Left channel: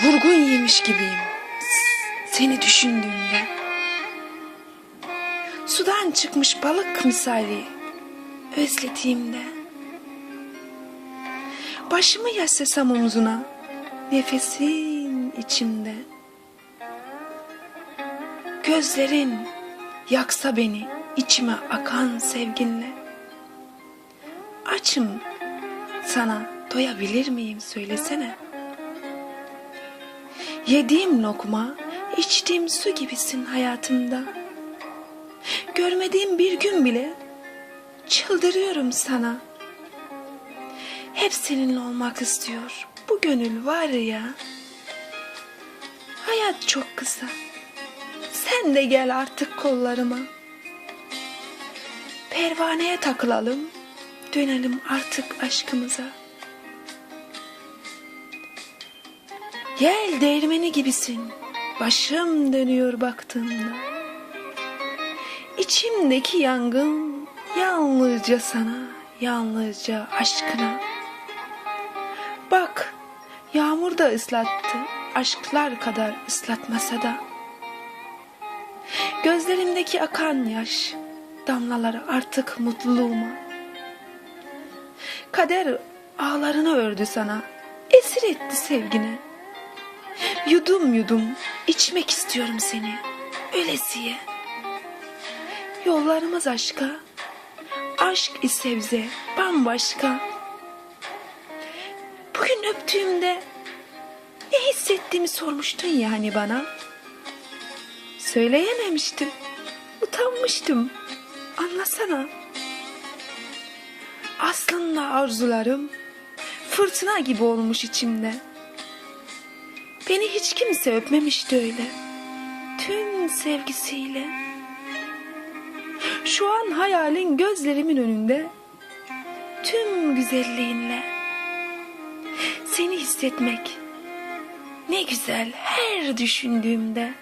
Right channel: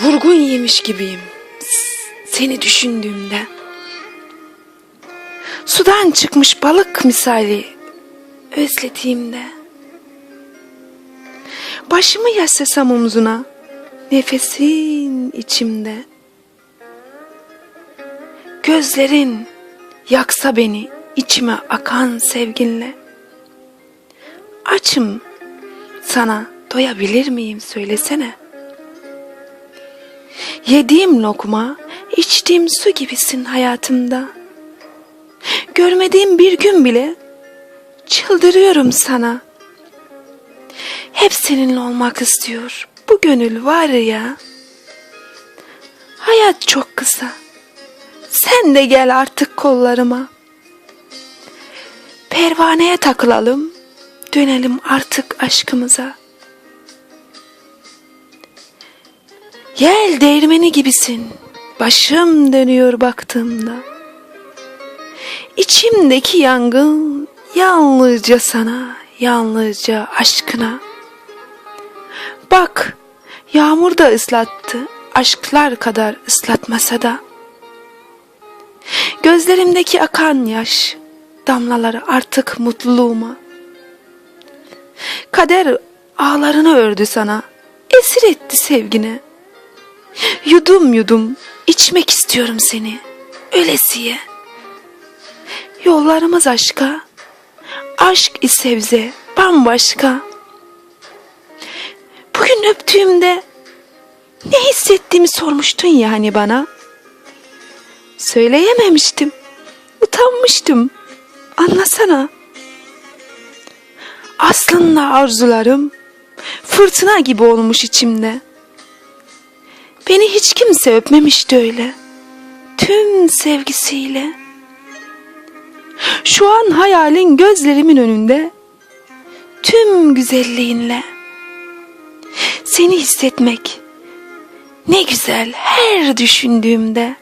Vurgun yemiş gibiyim seni düşündüğümde. Sudan çıkmış balık misali özlediğimde. Başımı yaslasam omzuna, nefesin içimde. Gözlerin yaksa beni içime akan sevginle. Açım sana doyabilir miyim söylesene. Yediğim lokma, içtiğim su gibisin hayatımda. Görmediğim bir gün bile çıldırıyorum sana. Hep seninle olmak istiyor. Bu gönül var ya. Hayat çok kısa. Sen de gel artık kollarıma. Pervaneye takılalım. Dönelim artık aşkımıza. Yel değirmeni gibisin. Başım dönüyor baktığımda. İçimdeki yangın yalnızca sana, yalnızca aşkına. Bak, yağmur da ıslattı, aşklar kadar ıslatmasa da. Gözlerimdeki akan yaş, damlaları artık mutluluğuma. Kader ağlarını ördü sana, esir etti sevgine. Yudum yudum içmek istiyorum seni, ölesiye. Yollarımız aşka, aşk ise bize bambaşka. Bugün öptüğümde ne hissettiğimi sormuştun ya hani bana. Söyleyememiştim, utanmıştım. Anlasana. Aslında arzularım fırtına gibi olmuş içimde. Beni hiç kimse öpmemişti öyle. Tüm sevgisiyle. Şu an hayalin gözlerimin önünde. Tüm güzelliğinle. Seni hissetmek ne güzel her düşündüğümde.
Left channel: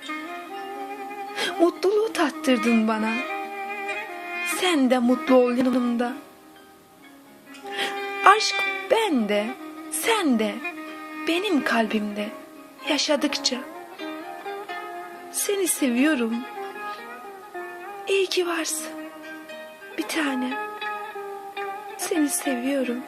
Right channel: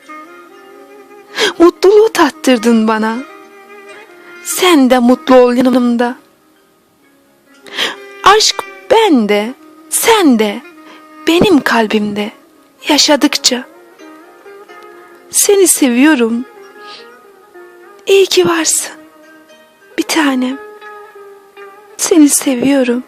Mutluluğu tattırdın bana. Sen de mutlu ol yanımda. Aşk bende, sen de, benim kalbimde yaşadıkça. Seni seviyorum. İyi ki varsın. Bir tanem. Seni seviyorum.